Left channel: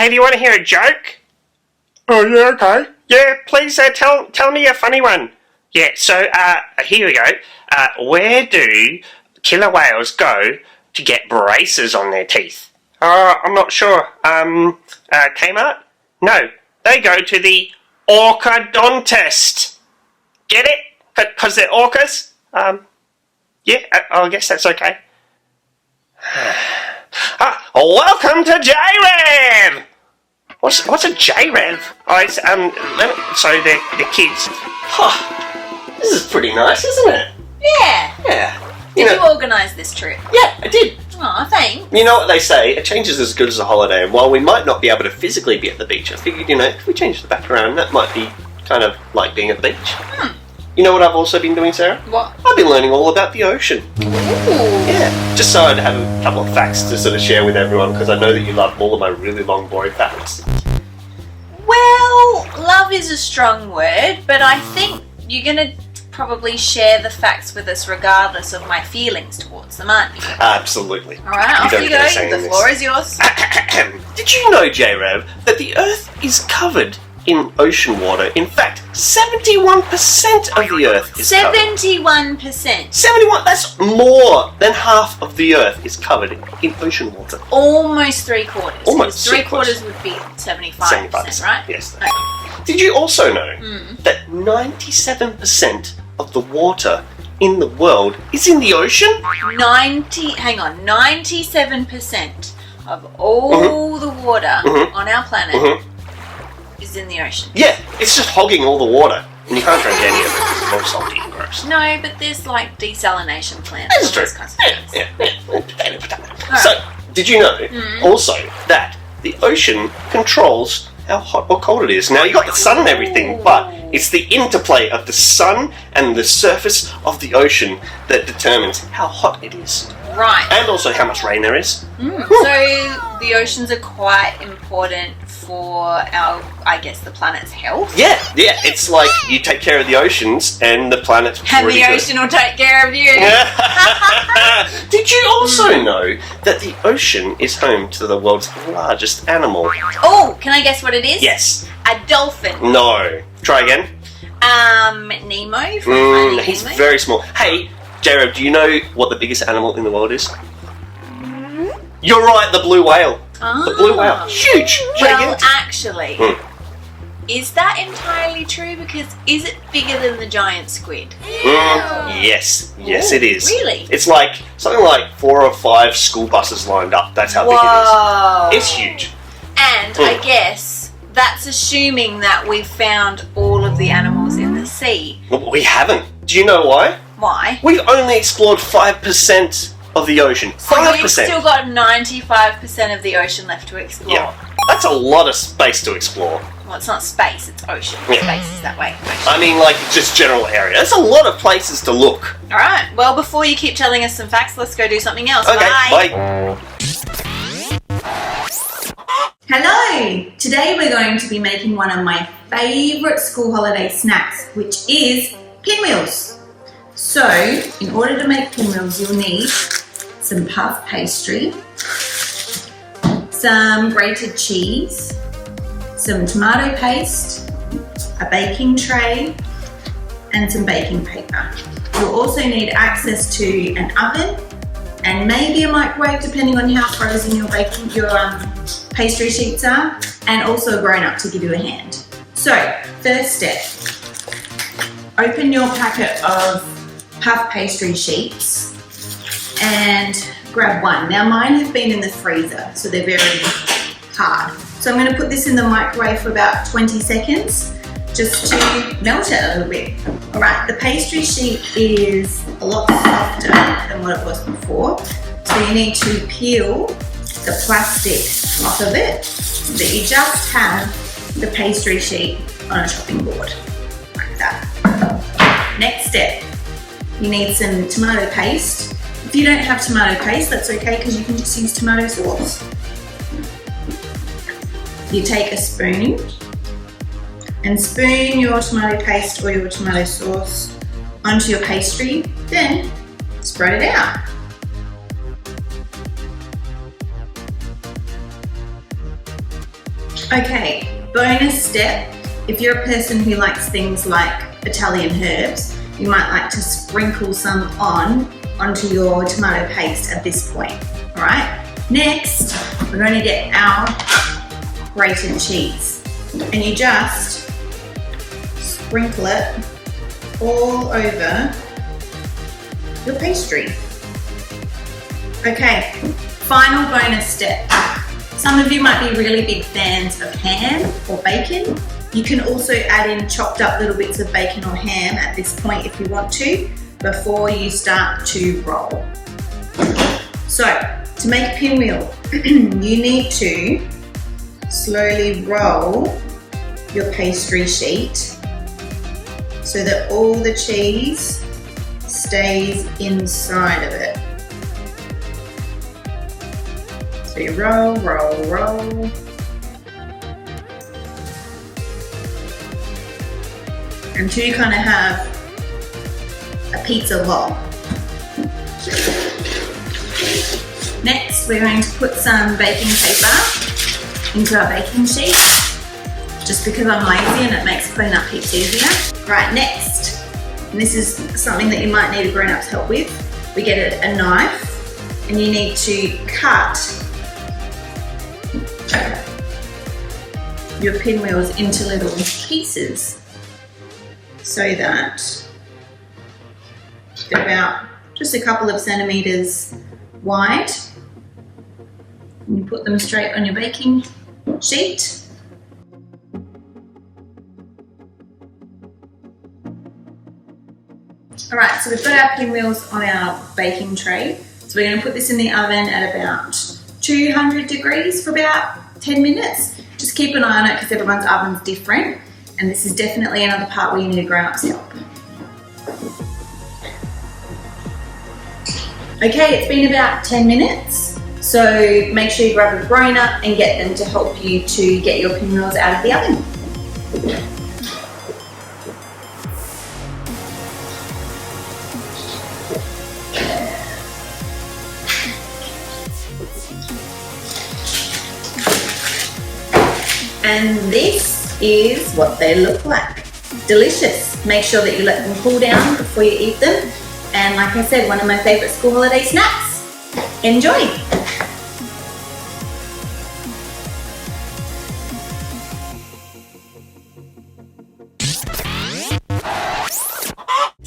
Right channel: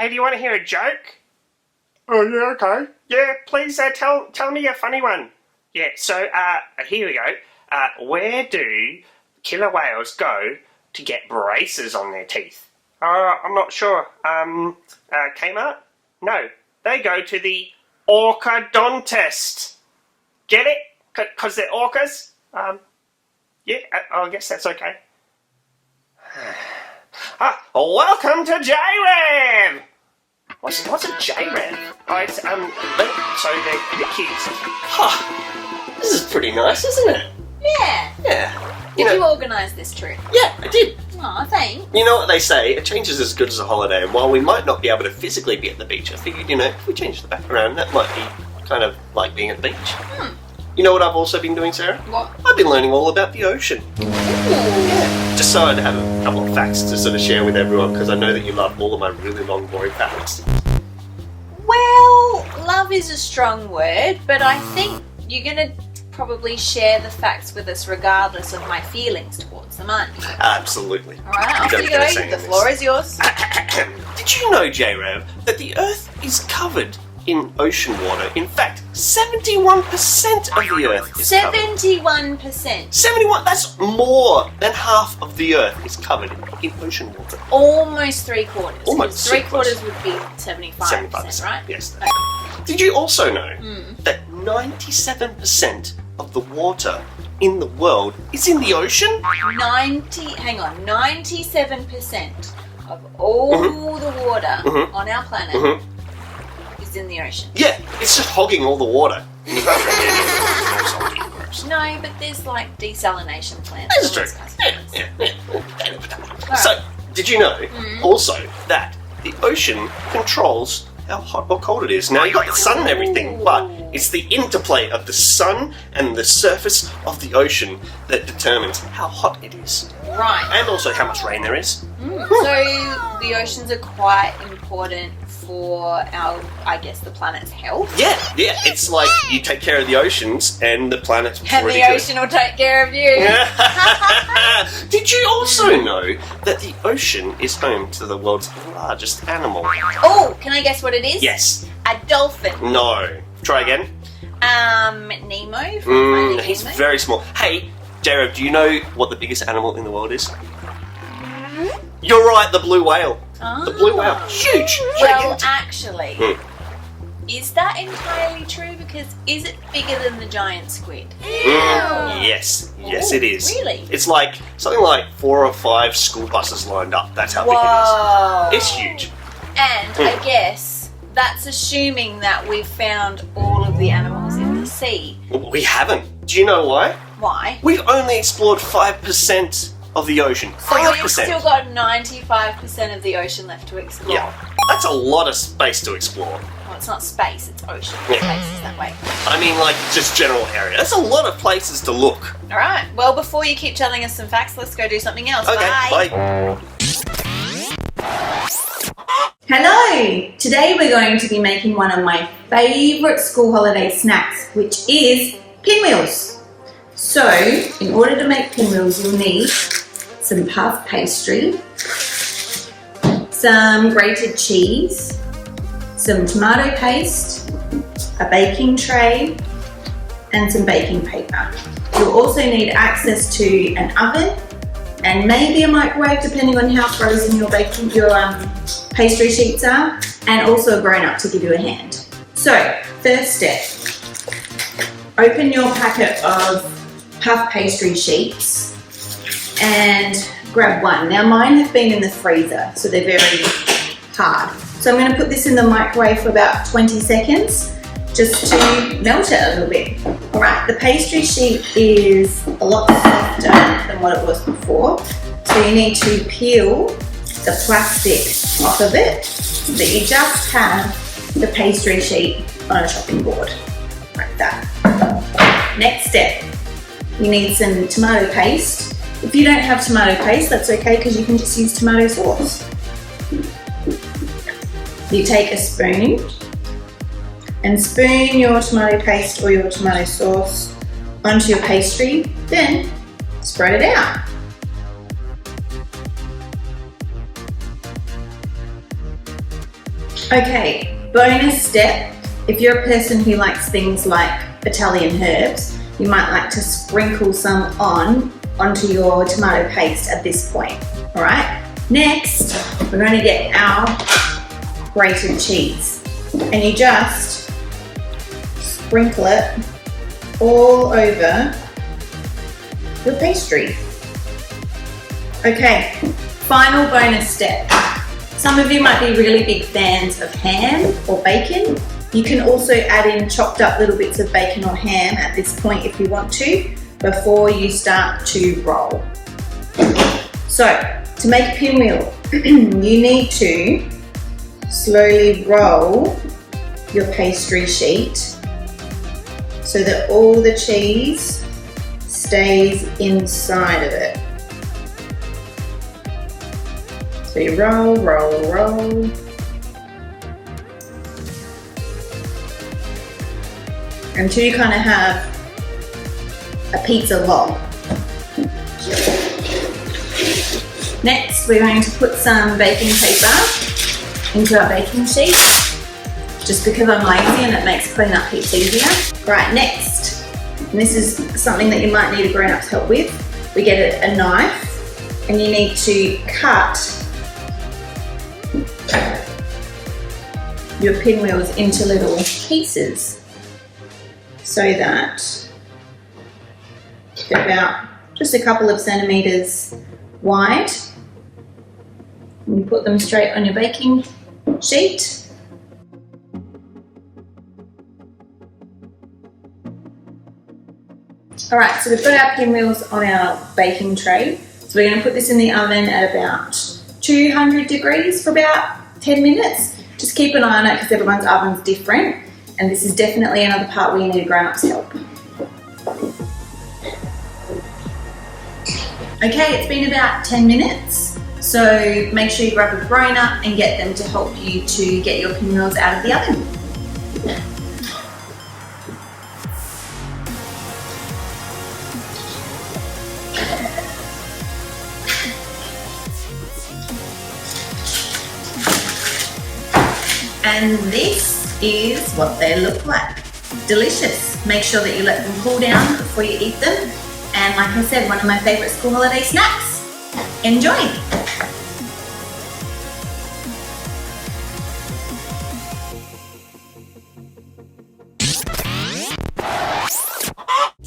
Hey, do you want to hear a joke? Oh, yeah, okay. Yeah, please tell me a funny one. Yeah, so here we go. Where do killer whales go to get braces on their teeth? I'm not sure. Kmart? No, they go to the orchodontist. Get it? Because they're orcas? Yeah, I guess that's okay. Welcome to JRev! What's a JRev? Oh, it's, so the kids. Huh, this is pretty nice, isn't it? Yeah. Yeah. Did you organise this trip? Yeah, I did. Aw, thanks. You know what they say, a change is as good as a holiday, and while we might not be able to physically be at the beach, I figured, if we change the background, that might be kind of like being at the beach. You know what I've also been doing, Sarah? What? I've been learning all about the ocean. Ooh. Yeah, just so I'd have a couple of facts to sort of share with everyone, because I know that you love all of my really long, boring facts. Well, love is a strong word, but I think you're going to probably share the facts with us regardless of my feelings towards them, aren't you? Absolutely. Alright, off you go. The floor is yours. Did you know, JRev, that the Earth is covered in ocean water? In fact, 71% of the Earth is covered. 71%. 71? That's more than half of the Earth is covered in ocean water. Almost three quarters. Almost three quarters would be 75%, right? Yes. Okay. Did you also know that 97% of the water in the world is in the ocean? 97% of all the water on our planet is in the ocean. Yeah, it's just hogging all the water. And you can't drink any of it because it's more salty and gross. No, but there's like desalination plants. That's true. Those kinds of things. Yeah. Potato. So, did you know also that the ocean controls how hot or cold it is? Now, you got the sun and everything, but it's the interplay of the sun and the surface of the ocean that determines how hot it is. Right. And also how much rain there is. So the oceans are quite important for our, I guess, the planet's health. Yeah. It's like you take care of the oceans and the planet's And pretty the good. ocean will take care of you. Did you also know that the ocean is home to the world's largest animal? Oh, can I guess what it is? Yes. A dolphin. No. Try again. Nemo. From Finding He's Nemo. very small. Hey, JRev, do you know what the biggest animal in the world is? You're right, the blue whale. The blue whale. Huge. Well, Giant. actually, is that entirely true? Because is it bigger than the giant squid? Yes, it is. Really? It's like something like 4 or 5 school buses lined up. That's how big it is. It's huge. And I guess that's assuming that we've found all of the animals in the sea. Well, we haven't. Do you know why? Why? We've only explored 5% of the ocean. So 5%. we've still got 95% of the ocean left to explore. Yeah. That's a lot of space to explore. Well, it's not space, it's ocean. Yeah. Space is that way. I mean, like, just general area. There's a lot of places to look. Alright, well, before you keep telling us some facts, let's go do something else. Okay, Bye. Hello! Today we're going to be making one of my favourite school holiday snacks, which is pinwheels. So, in order to make pinwheels, you'll need some puff pastry, some grated cheese, some tomato paste, a baking tray, and some baking paper. You'll also need access to an oven and maybe a microwave, depending on how frozen your pastry sheets are, and also a grown-up to give you a hand. So, first step, open your packet of puff pastry sheets and grab one. Now mine have been in the freezer, so they're very hard. So I'm going to put this in the microwave for about 20 seconds just to melt it a little bit. Alright, the pastry sheet is a lot softer than what it was before, so you need to peel the plastic off of it so that you just have the pastry sheet on a chopping board, like that. Next step, you need some tomato paste. If you don't have tomato paste, that's okay because you can just use tomato sauce. You take a spoon and spoon your tomato paste or your tomato sauce onto your pastry, then spread it out. Okay, bonus step. If you're a person who likes things like Italian herbs, you might like to sprinkle some onto your tomato paste at this point. All right. Next, we're going to get our grated cheese, and you just sprinkle it all over your pastry. Okay, final bonus step. Some of you might be really big fans of ham or bacon. You can also add in chopped up little bits of bacon or ham at this point if you want to, before you start to roll. So, to make a pinwheel, you need to slowly roll your pastry sheet so that all the cheese stays inside of it. So you roll, roll, roll. Until you kind of have a pizza log. Next, we're going to put some baking paper into our baking sheet, just because I'm lazy and it makes cleanup heaps easier. Right, next, and this is something that you might need a grown-up's help with. We get a knife, and you need to cut your pinwheels into little pieces so that they're about just a couple of centimeters wide. And you put them straight on your baking sheet. All right, so we've got our pinwheels on our baking tray. So we're going to put this in the oven at about 200 degrees for about 10 minutes. Just keep an eye on it because everyone's oven's different. And this is definitely another part where you need a grown-up's help. Okay, it's been about 10 minutes. So make sure you grab a grown-up and get them to help you to get your pinwheels out of the oven. And this is what they look like. Delicious. Make sure that you let them cool down before you eat them. And like I said, one of my favorite school holiday snacks. Enjoy.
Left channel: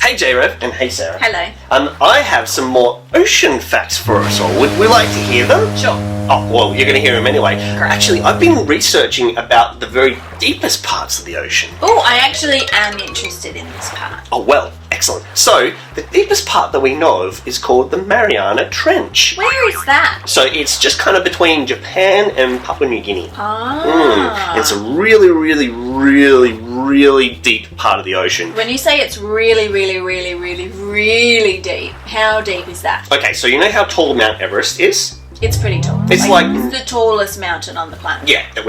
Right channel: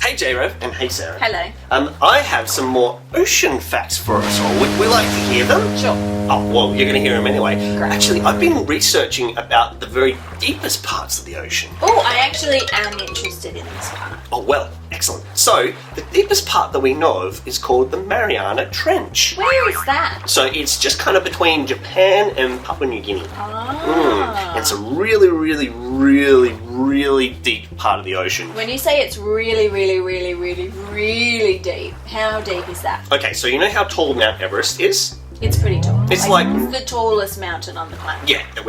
Hey JRev and hey Sarah. Hello. I have some more ocean facts for us all. Would we like to hear them? Sure. Oh, well, you're going to hear them anyway. Correct. Actually, I've been researching about the very deepest parts of the ocean. Oh, I actually am interested in this part. Oh, well, excellent. So, the deepest part that we know of is called the Mariana Trench. Where is that? So, it's just kind of between Japan and Papua New Guinea. Ah. It's a really, really, really, really deep part of the ocean. When you say it's really, really, really, really, really deep, how deep is that? Okay, so you know how tall Mount Everest is? It's pretty tall. It's like the tallest mountain on the planet. Yeah, that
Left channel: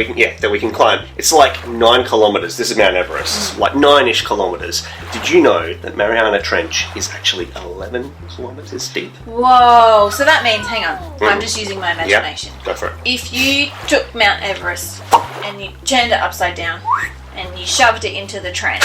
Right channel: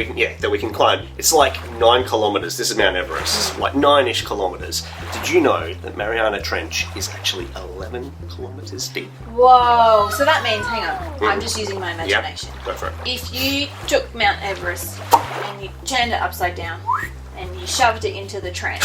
we can climb. It's like 9 kilometers. This is Mount Everest. Like 9-ish kilometers. Did you know that Mariana Trench is actually 11 kilometers deep? Whoa, so that means, hang on, I'm just using my imagination. Yeah, go for it. If you took Mount Everest and you turned it upside down and you shoved it into the trench,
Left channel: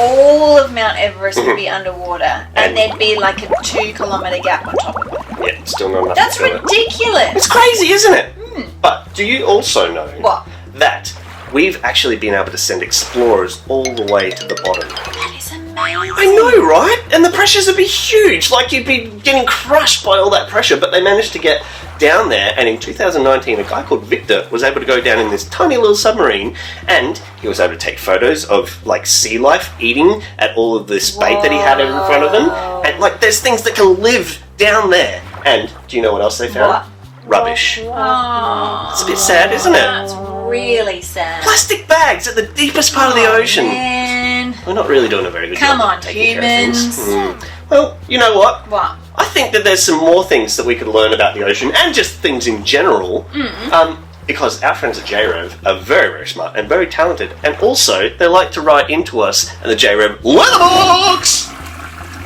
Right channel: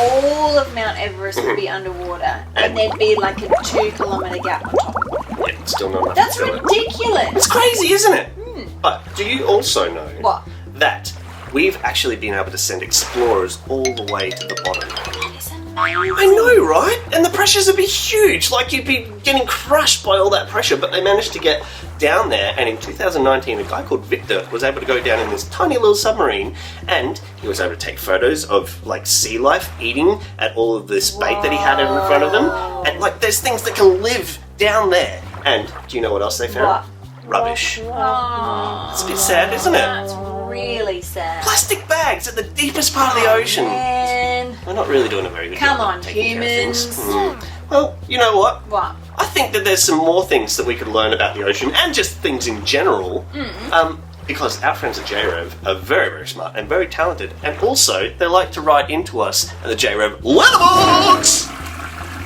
all of Mount Everest would be underwater and there'd be like a 2-kilometer gap on top of it. Yeah, still not enough. That's to do it. ridiculous. It's crazy, isn't it? But do you also know What? that we've actually been able to send explorers all the way to the bottom? That is amazing. I know, right? And the pressures would be huge. Like, you'd be getting crushed by all that pressure. But they managed to get down there. And in 2019, a guy called Victor was able to go down in this tiny little submarine. And he was able to take photos of, like, sea life eating at all of this bait that he had in front of him. And, like, there's things that can live down there. And do you know what else they found? Rubbish. Oh, It's a bit sad, isn't that's it? really sad. Plastic bags at the deepest part of the ocean. Man. We're not really doing a very good Come job on, of taking care of humans. things. Well, you know what? What? I think that there's some more things that we could learn about the ocean and just things in general. Because our friends at JRev are very, very smart and very talented. And also, they like to write into us at the JRev Letterbox!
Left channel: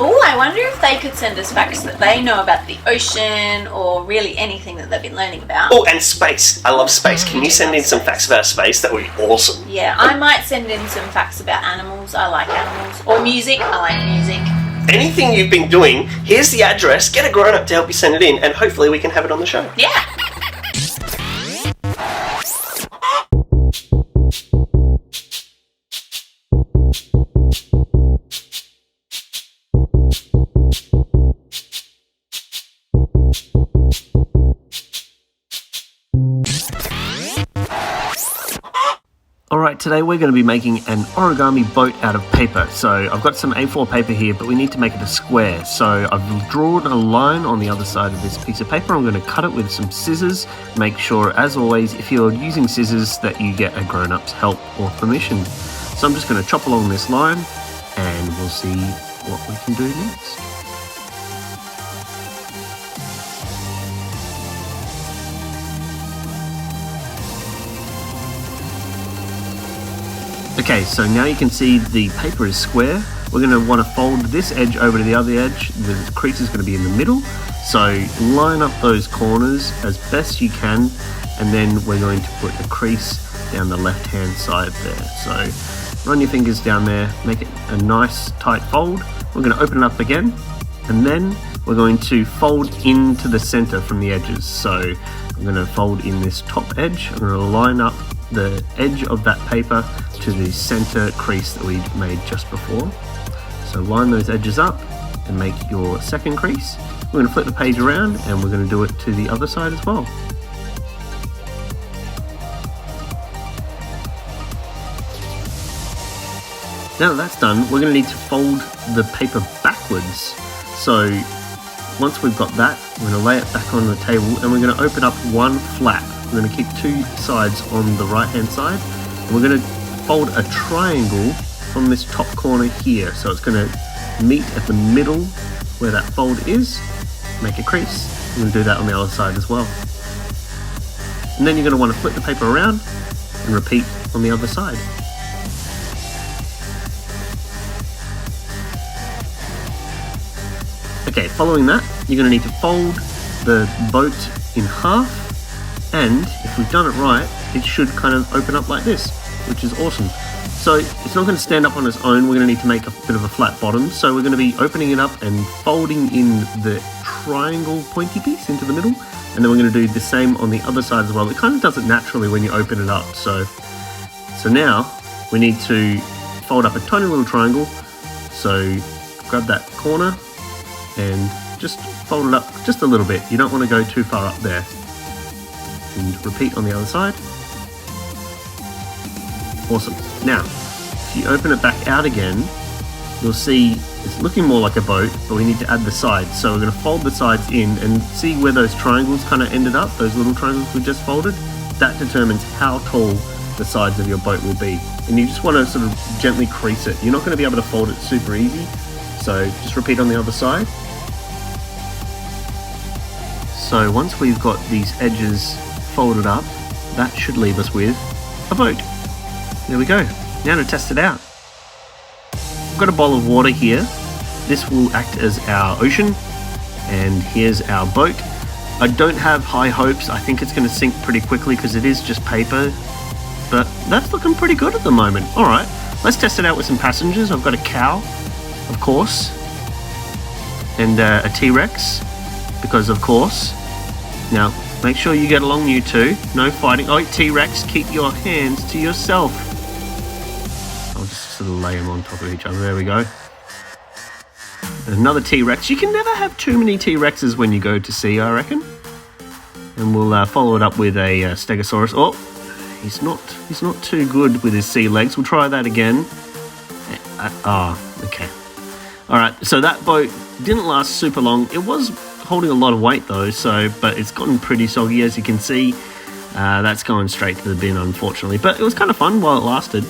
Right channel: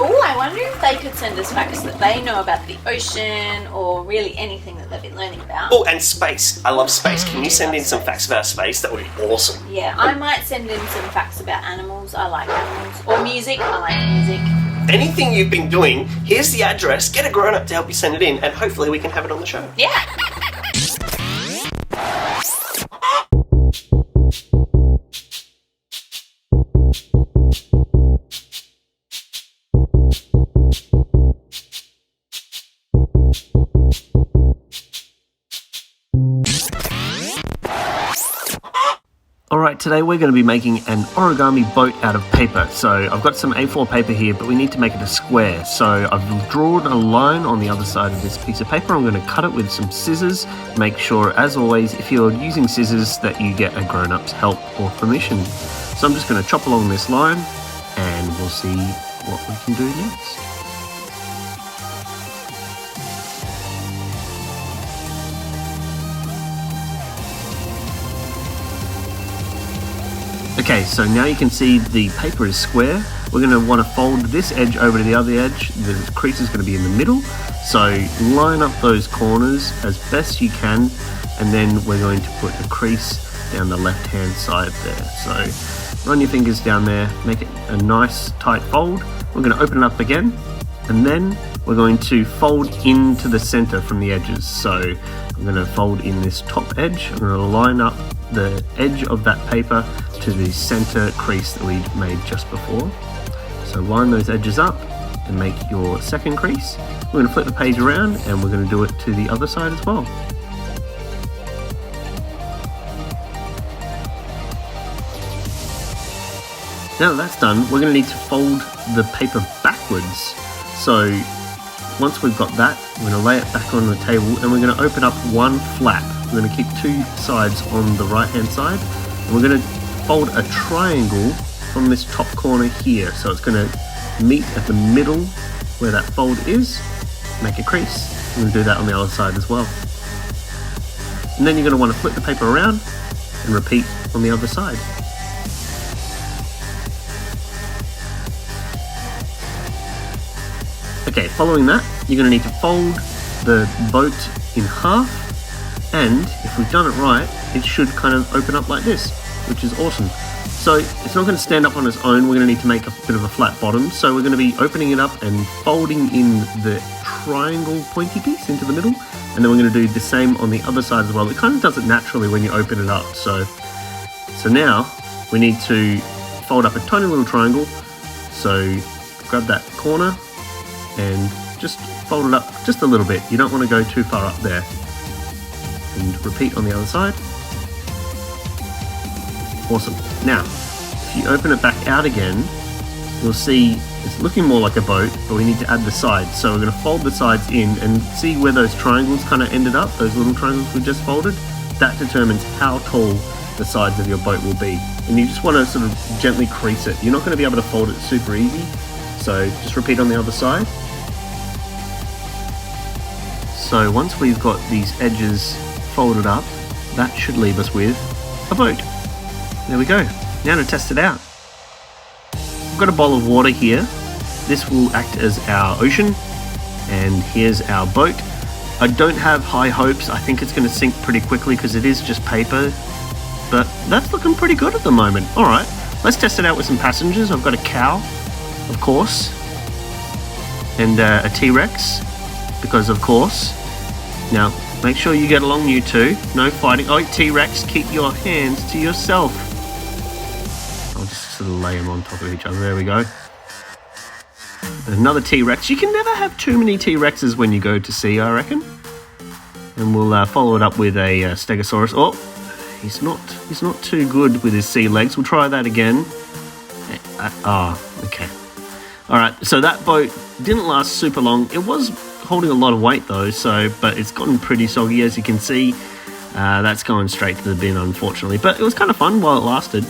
Oh, I wonder if they could send us facts that they know about the ocean or really anything that they've been learning about. Oh, and space. I love space. Can you send in some facts about space? That would be awesome. Yeah, I might send in some facts about animals. I like animals. Or music. I like music. Anything you've been doing, here's the address. Get a grown-up to help you send it in, and hopefully we can have it on the show. Yeah. Alright, today we're going to be making an origami boat out of paper. So I've got some A4 paper here, but we need to make it a square. So I've drawn a line on the other side of this piece of paper. I'm going to cut it with some scissors. Make sure, as always, if you're using scissors, that you get a grown-up's help or permission. So I'm just going to chop along this line, and we'll see what we can do next. Okay, so now you can see the paper is square. We're going to want to fold this edge over to the other edge. The crease is going to be in the middle. So line up those corners as best you can, and then we're going to put a crease down the left-hand side there. So run your fingers down there, make it a nice tight fold. We're going to open it up again, and then we're going to fold into the center from the edges. So I'm going to fold in this top edge. I'm going to line up the edge of that paper to the center crease that we made just before. So line those edges up and make your second crease. We're going to flip the page around and we're going to do it to the other side as well. Now that that's done, we're going to need to fold the paper backwards. So once we've got that, we're going to lay it back on the table and we're going to open up one flap. We're going to keep two sides on the right hand side, and we're going to fold a triangle from this top corner here. So it's going to meet at the middle where that fold is, make a crease. We're going to do that on the other side as well. And then you're going to want to flip the paper around and repeat on the other side. Okay, following that, you're going to need to fold the boat in half, and if we've done it right, it should kind of open up like this, which is awesome. So it's not going to stand up on its own. We're going to need to make a bit of a flat bottom, so we're going to be opening it up and folding in the triangle pointy piece into the middle, and then we're going to do the same on the other side as well. It kind of does it naturally when you open it up. So now we need to fold up a tiny little triangle. So grab that corner and just fold it up just a little bit. You don't want to go too far up there. And repeat on the other side. Awesome. Now, if you open it back out again, you'll see it's looking more like a boat, but we need to add the sides. So we're going to fold the sides in and see where those triangles kind of ended up, those little triangles we just folded. That determines how tall the sides of your boat will be. And you just want to sort of gently crease it. You're not going to be able to fold it super easy. So just repeat on the other side. So once we've got these edges folded up, that should leave us with a boat. There we go. Now to test it out. I've got a bowl of water here. This will act as our ocean, and here's our boat. I don't have high hopes. I think it's going to sink pretty quickly because it is just paper, but that's looking pretty good at the moment. All right, let's test it out with some passengers. I've got a cow, of course, and a T-Rex, because of course. Now, make sure you get along, you two. No fighting. Oh, T-Rex, keep your hands to yourself. I'll just sort of lay them on top of each other. There we go. Another T-Rex. You can never have too many T-Rexes when you go to sea, I reckon. And we'll follow it up with a Stegosaurus. Oh, he's not too good with his sea legs. We'll try that again. Okay. All right, so that boat didn't last super long. It was holding a lot of weight though, but it's gotten pretty soggy, as you can see. That's going straight to the bin, unfortunately, but it was kind of fun while it lasted.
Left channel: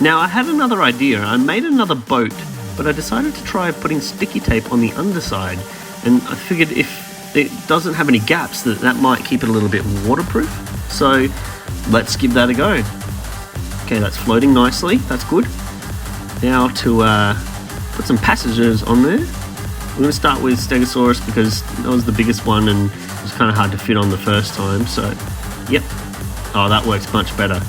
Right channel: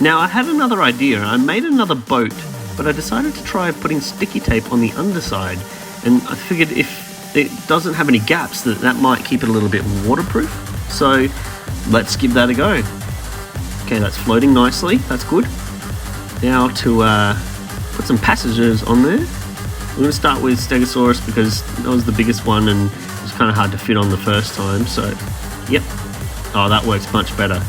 Now I had another idea. I made another boat, but I decided to try putting sticky tape on the underside, and I figured if it doesn't have any gaps, that might keep it a little bit waterproof. So let's give that a go. Okay, that's floating nicely. That's good. Now to put some passages on there. We're going to start with Stegosaurus because that was the biggest one and it was kind of hard to fit on the first time. So, yep. Oh, that works much better.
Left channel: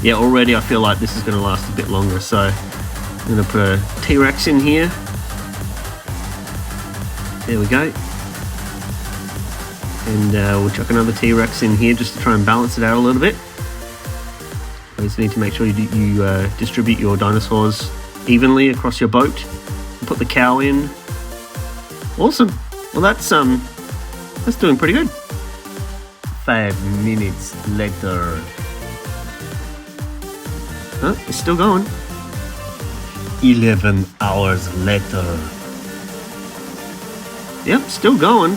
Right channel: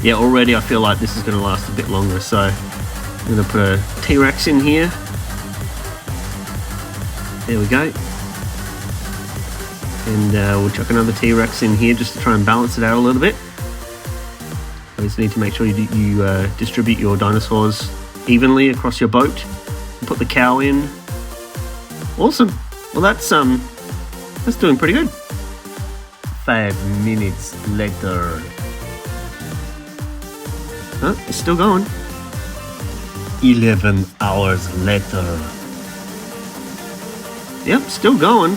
Yeah, already I feel like this is going to last a bit longer. So, I'm going to put a T-Rex in here. There we go. And we'll chuck another T-Rex in here just to try and balance it out a little bit. You just need to make sure you distribute your dinosaurs evenly across your boat. And put the cow in. Awesome. Well, that's doing pretty good. 5 minutes later. Huh? It's still going. 11 hours later. Yep, still going.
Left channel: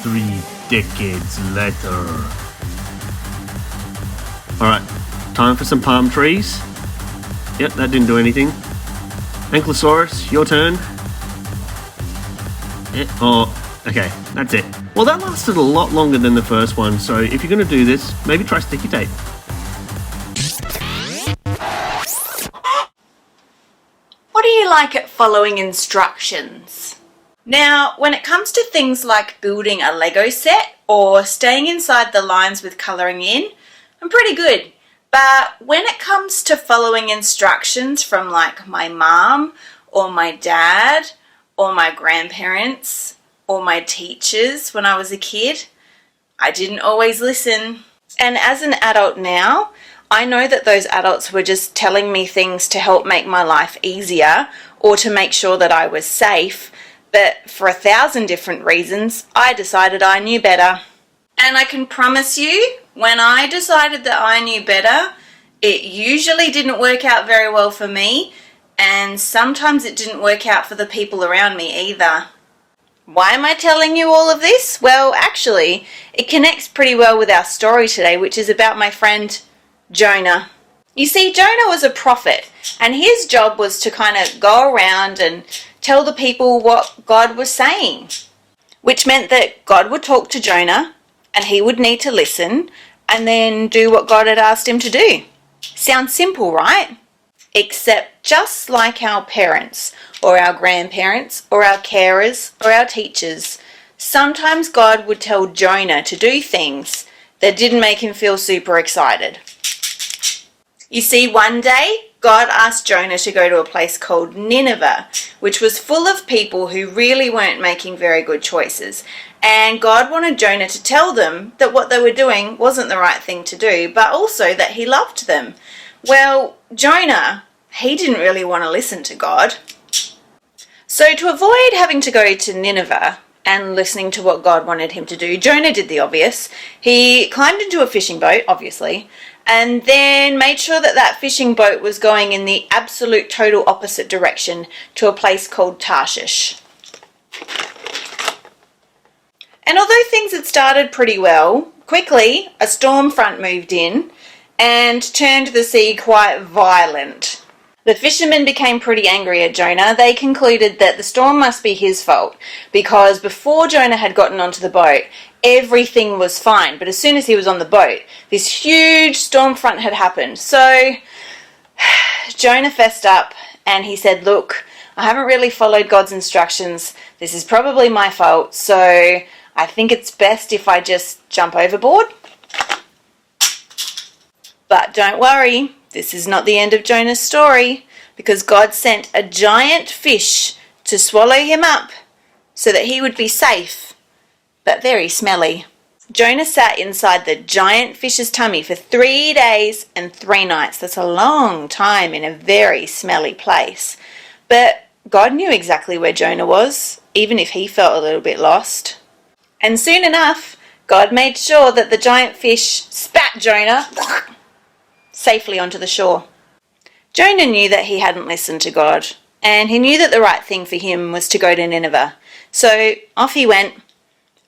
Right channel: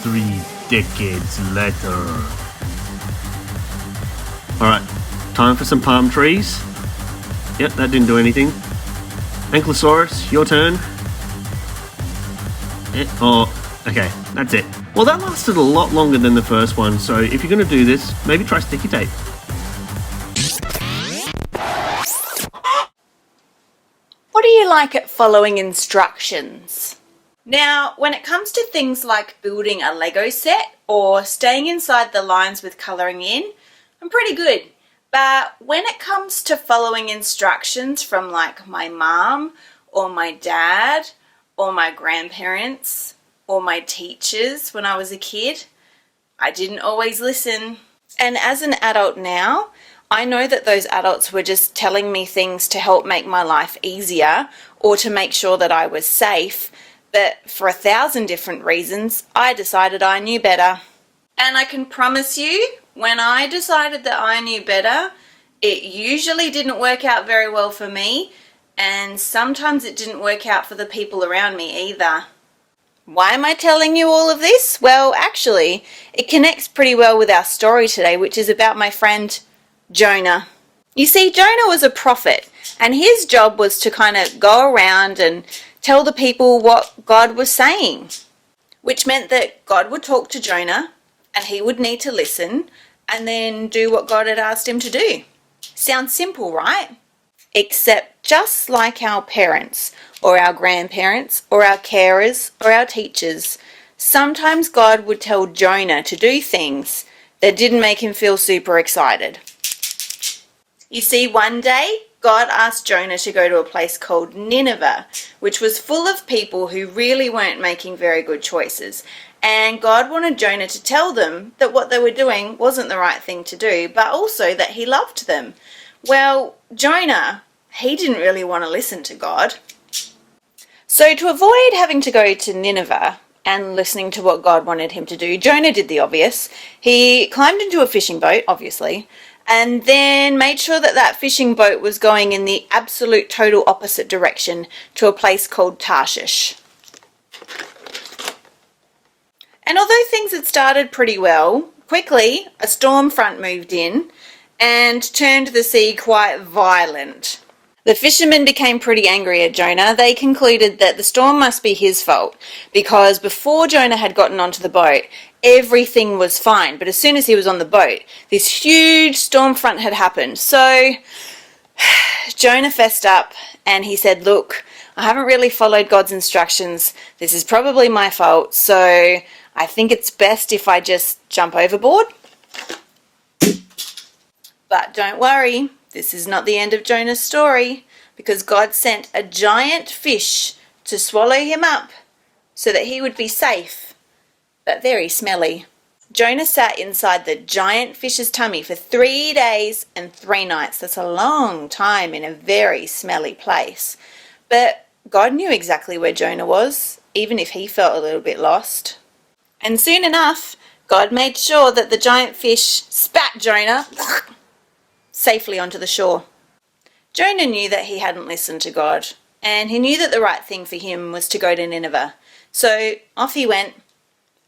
3 decades later. Alright, time for some palm trees. Yep, that didn't do anything. Ankylosaurus, your turn. Oh, okay, that's it. Well, that lasted a lot longer than the first one, so if you're going to do this, maybe try sticky tape. What do you like at following instructions? Now, when it comes to things like building a Lego set or staying inside the lines with colouring in, I'm pretty good. But when it comes to following instructions from like my mom or my dad or my grandparents or my teachers when I was a kid, I didn't always listen. And as an adult now, I know that those adults were just telling me things to help make my life easier or to make sure that I was safe, but for 1,000 different reasons, I decided I knew better. And I can promise you, when I decided that I knew better, it usually didn't work out very well for me, and sometimes it didn't work out for the people around me either. Why am I telling you all of this? Well, actually, it connects pretty well with our story today, which is about my friend Jonah. You see, Jonah was a prophet, and his job was to kind of go around and tell the people what God was saying, which meant that God would talk to Jonah, and he would need to listen, and then do what God had asked him to do. Sounds simple, right? Except just like our parents, or our grandparents, or our carers, or our teachers, sometimes God would tell Jonah to do things that didn't make him feel super excited. You see, one day, God asked Jonah to go to a place called Nineveh, which was full of people who really weren't making very good choices. And God wanted Jonah to tell them that what they were doing wasn't the right thing to do, but also that he loved them. Well, Jonah, he didn't really want to listen to God. So to avoid having to go to Nineveh and listening to what God wanted him to do, Jonah did the obvious. He climbed into a fishing boat, obviously, and then made sure that that fishing boat was going in the absolute total opposite direction to a place called Tarshish. And although things had started pretty well, quickly a storm front moved in and turned the sea quite violent. The fishermen became pretty angry at Jonah. They concluded that the storm must be his fault because before Jonah had gotten onto the boat, everything was fine. But as soon as he was on the boat, this huge storm front had happened. So Jonah fessed up and he said, "Look, I haven't really followed God's instructions. This is probably my fault. So I think it's best if I just jump overboard." But don't worry, this is not the end of Jonah's story, because God sent a giant fish to swallow him up so that he would be safe, but very smelly. Jonah sat inside the giant fish's tummy for 3 days and 3 nights. That's a long time in a very smelly place. But God knew exactly where Jonah was, even if he felt a little bit lost. And soon enough, God made sure that the giant fish spat Jonah safely onto the shore. Jonah knew that he hadn't listened to God, and he knew that the right thing for him was to go to Nineveh. So off he went,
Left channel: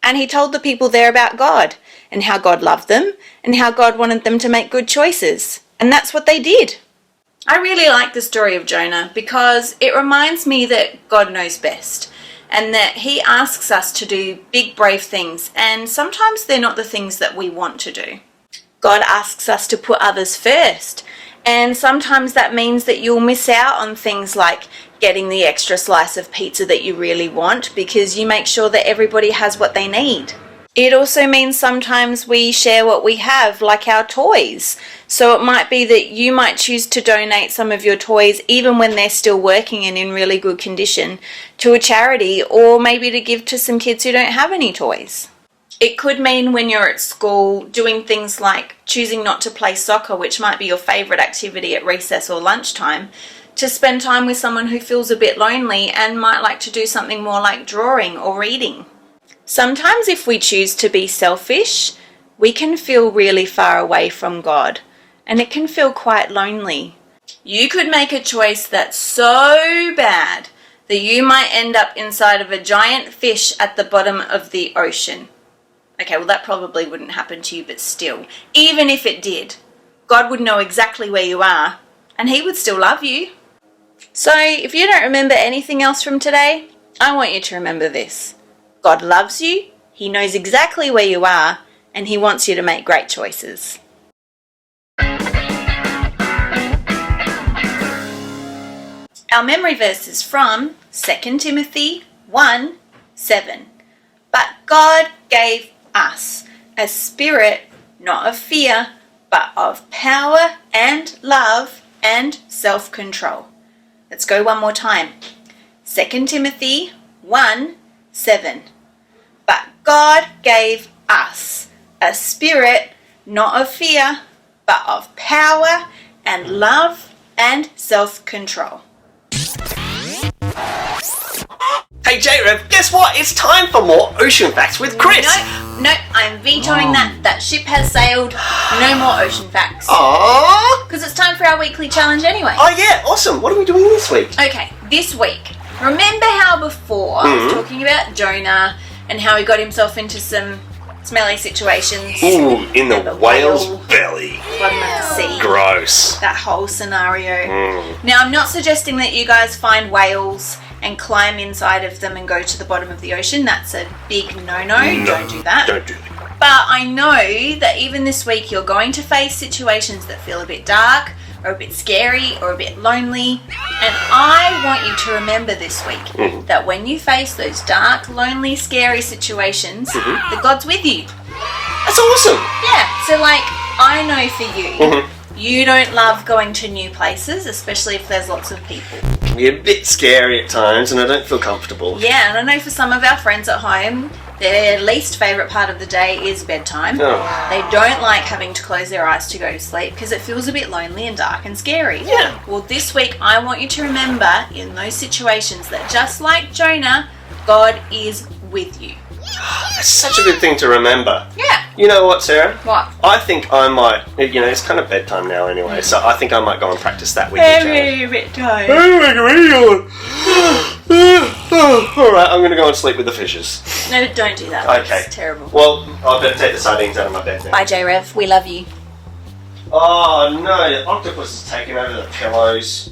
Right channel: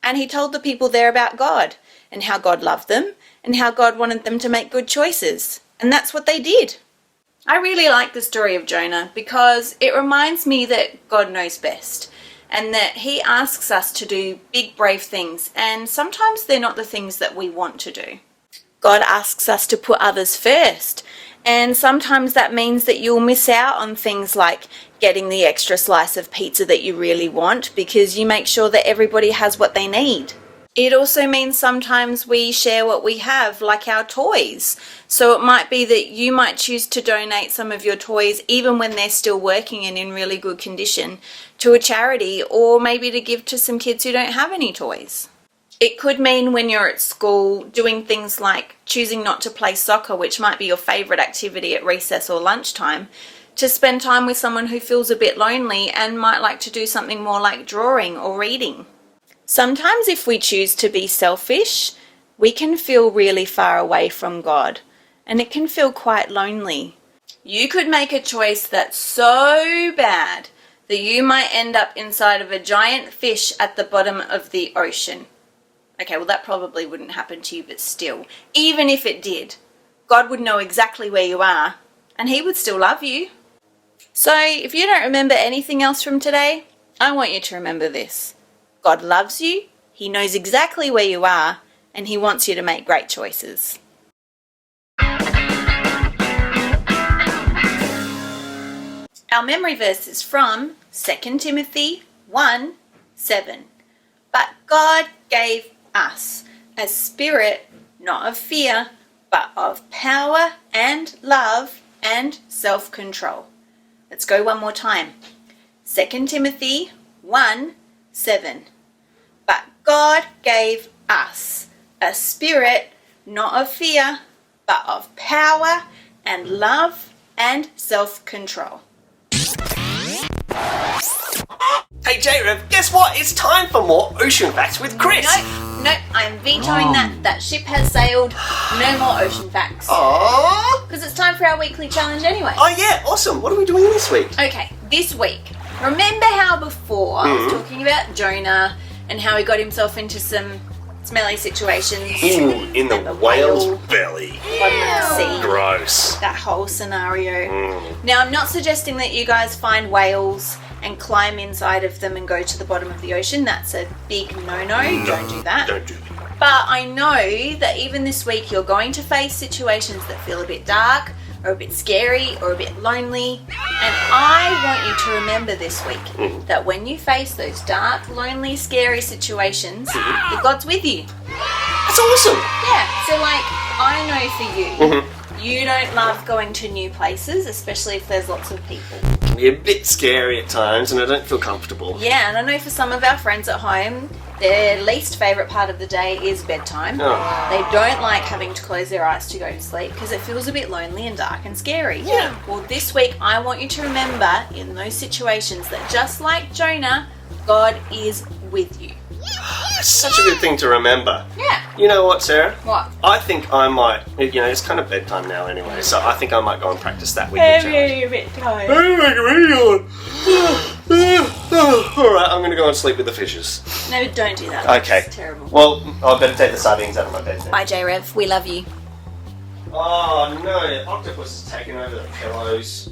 and he told the people there about God, and how God loved them, and how God wanted them to make good choices. And that's what they did. I really like the story of Jonah because it reminds me that God knows best, and that he asks us to do big, brave things, and sometimes they're not the things that we want to do. God asks us to put others first. And sometimes that means that you'll miss out on things like getting the extra slice of pizza that you really want because you make sure that everybody has what they need. It also means sometimes we share what we have, like our toys. So it might be that you might choose to donate some of your toys, even when they're still working and in really good condition, to a charity, or maybe to give to some kids who don't have any toys. It could mean when you're at school doing things like choosing not to play soccer, which might be your favourite activity at recess or lunchtime, to spend time with someone who feels a bit lonely and might like to do something more like drawing or reading. Sometimes if we choose to be selfish, we can feel really far away from God, and it can feel quite lonely. You could make a choice that's so bad that you might end up inside of a giant fish at the bottom of the ocean. Okay, well that probably wouldn't happen to you, but still, even if it did, God would know exactly where you are, and He would still love you. So, if you don't remember anything else from today, I want you to remember this. God loves you, He knows exactly where you are, and He wants you to make great choices. Our memory verse is from 2 Timothy 1:7. But God gave us a spirit not of fear, but of power and love and self-control. Let's go one more time. 2 Timothy 1:7. But God gave us a spirit not of fear, but of power and love and self-control. Hey JRev, guess what? It's time for more ocean facts with Chris. Nope, I'm vetoing that. That ship has sailed. No more ocean facts. Aww. Because it's time for our weekly challenge anyway. Oh yeah, awesome. What are we doing this week? Okay, this week, remember how before I was talking about Jonah and how he got himself into some smelly situations? Ooh, in the whale's whale belly. bottom of the sea. Gross. That whole scenario. Now, I'm not suggesting that you guys find whales and climb inside of them and go to the bottom of the ocean. That's a big no-no. Don't do that. Don't do that. But I know that even this week you're going to face situations that feel a bit dark or a bit scary or a bit lonely. And I want you to remember this week that when you face those dark, lonely, scary situations, that God's with you. That's awesome. Yeah, so like, I know for you, you don't love going to new places, especially if there's lots of people. It can be a bit scary at times and I don't feel comfortable. Yeah, and I know for some of our friends at home, their least favourite part of the day is bedtime. Oh. They don't like having to close their eyes to go to sleep because it feels a bit lonely and dark and scary. Yeah. Well, this week I want you to remember in those situations that just like Jonah, God is with you. That's such a good thing to remember. Yeah. You know what, Sarah? What? I think I might, it's kind of bedtime now anyway, so I think I might go and practice that weekly challenge. A bit tired. Alright, I'm going to go and sleep with the fishes. No, don't do that. Okay. It's terrible. Well, I better take the sardines out of my bed now. Bye, JRev. We love you. Oh no, the octopus has taken over the pillows.